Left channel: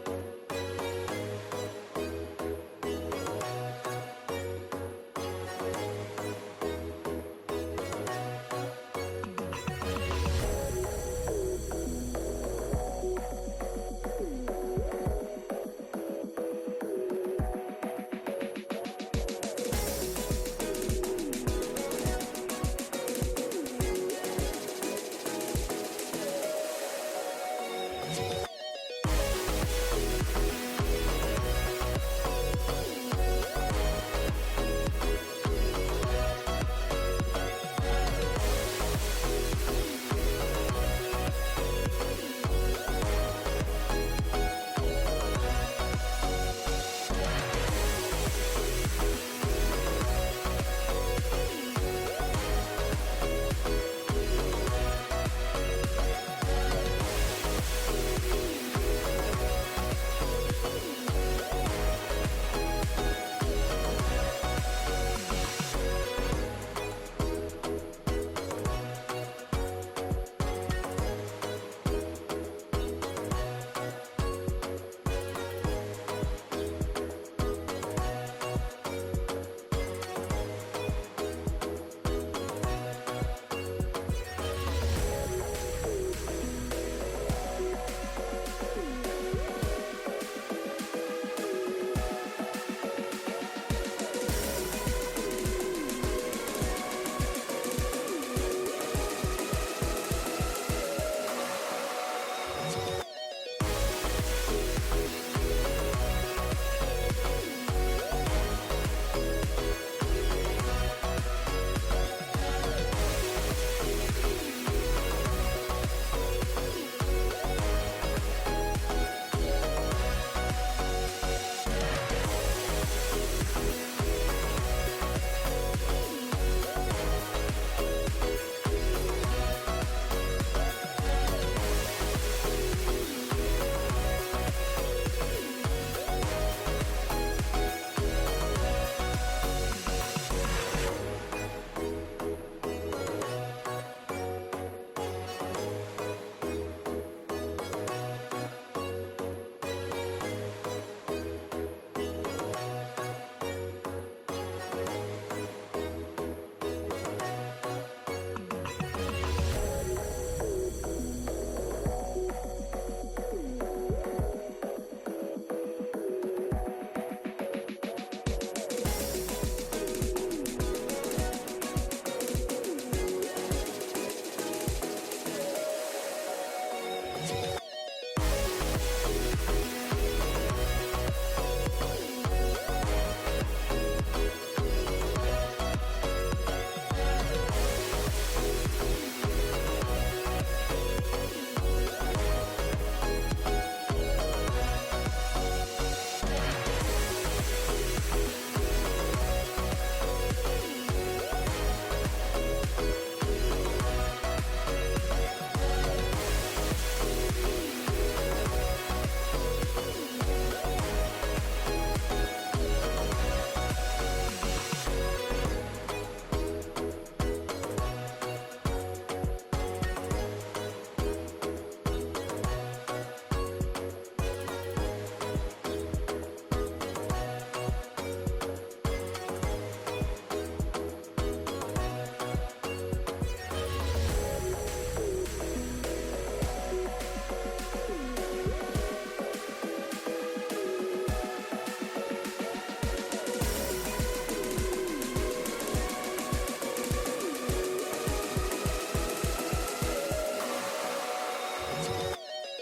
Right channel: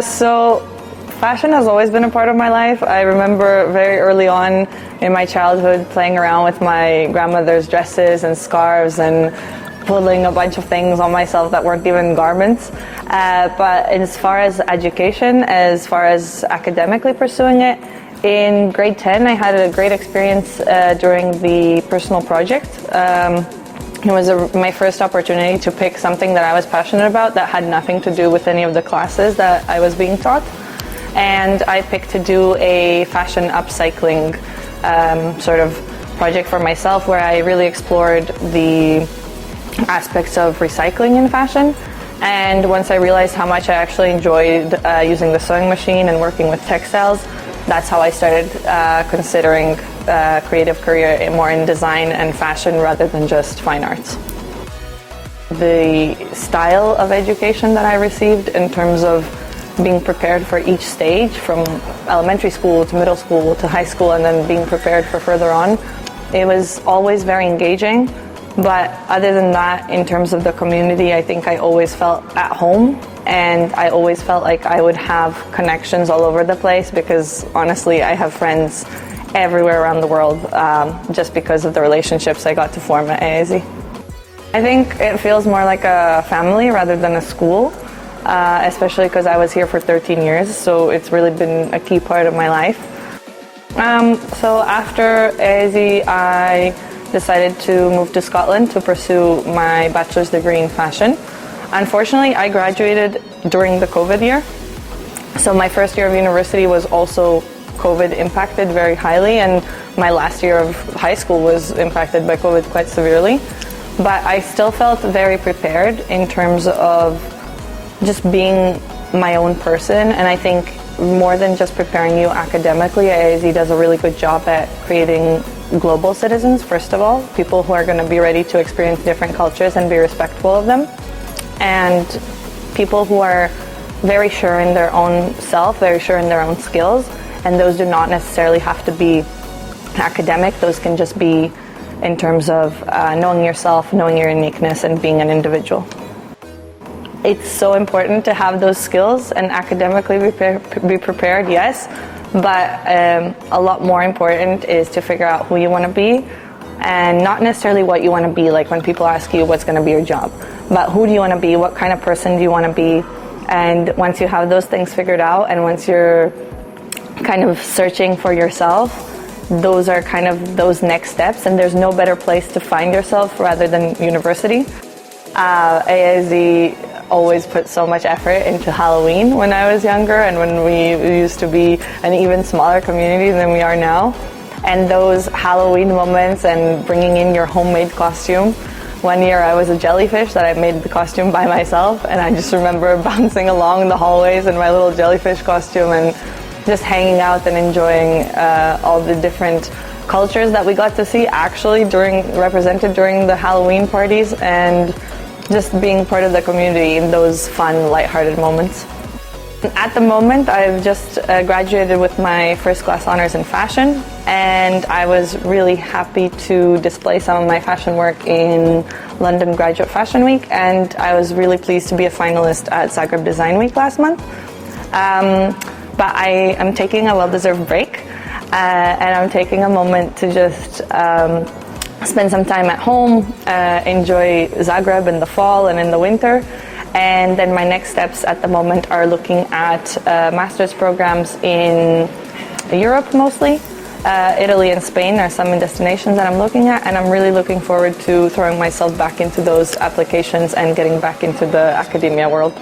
So fashion has always been a part of my life. I remember very early on in my childhood playing around with my grandmother's dresses and scarves and pulling a bunch of things on myself that weren't even garments. But as far as education, as far as academically pursuing it, in grade 10 I had a great experience during the personal project. It was my first opportunity to pick something that I was passionate about that had nothing to do with any of the classes that I was being taught. And I picked to do a fashion upcycling sort of project for myself, where I really explored the aspects of recycling in fashion. And once I realized how much I actually enjoyed using the sewing machine and working with textiles, that's how I started considering a creative career more in design and fashion rather than just fine arts. The style of education that I received in terms of being prepared for each stage, from elementary school to middle school to high school, and then being prepared for further on, it was always very engaging. But other than that, in terms of the community, I think I always felt at home, and I always felt like I would have connections all over the place, because honestly, I have friends everywhere around the world just because of the relationships I got to form at AISZ. I think it feels more like a family rather than a school, especially because I was here for 13 years, so it's really been a key part of my life. So after AISZ, I decided to move to Scotland to pursue my bachelor's degree in fashion. Unfortunately, I graduated during the COVID year, so my first year of university was also COVID impacted very highly, and my last year of high school was impacted by COVID quite severely. But I still felt very prepared in terms of just being my own person, and I think more than just preparing you academically, AISZ does a really good job at creating global citizens, first of all, people who are going to be ready to experience different cultures and be respectful of them, and people who are very sure in their own self, very sure in their own skills, and those do not necessarily have to be academic. Those can just be in terms of knowing yourself, knowing your uniqueness, and being an individual. It's so important to have those skills and academically be prepared, yes, but a lot more important is to figure out who you want to be, and not necessarily what you want to be, like when people ask you what's going to be your job, but who do you want to be, what kind of person do you want to be. And once you have those things figured out, and once you're kind of searching for yourself, those are kind of those next steps, and there's no better place to find yourself rather than university. AISZ always put so much effort into Halloween when I was younger, and when we used to be an even smaller community than we are now. And those Halloween moments and bringing in your homemade costume. One year I was a jellyfish that I made the costume by myself, and I just remember bouncing along the hallways in my little jellyfish costume and just hanging out and enjoying all the different cultures that we got to see actually represented during the Halloween parties, and just being part of the community in those fun, lighthearted moments. At the moment, I've just graduated with my first class honors in fashion, and I was really happy to display some of my fashion work in London Graduate Fashion Week, and I was really pleased to be a finalist at Zagreb Design Week last month. But I am taking a well-deserved break, and I'm taking a moment to just spend some time at home, enjoy Zagreb in the fall and in the winter. And then my next steps at the moment are looking at master's programs in Europe mostly. Italy and Spain are some destinations that I'm looking at, and I'm really looking forward to throwing myself back into those applications and getting back into the academia world.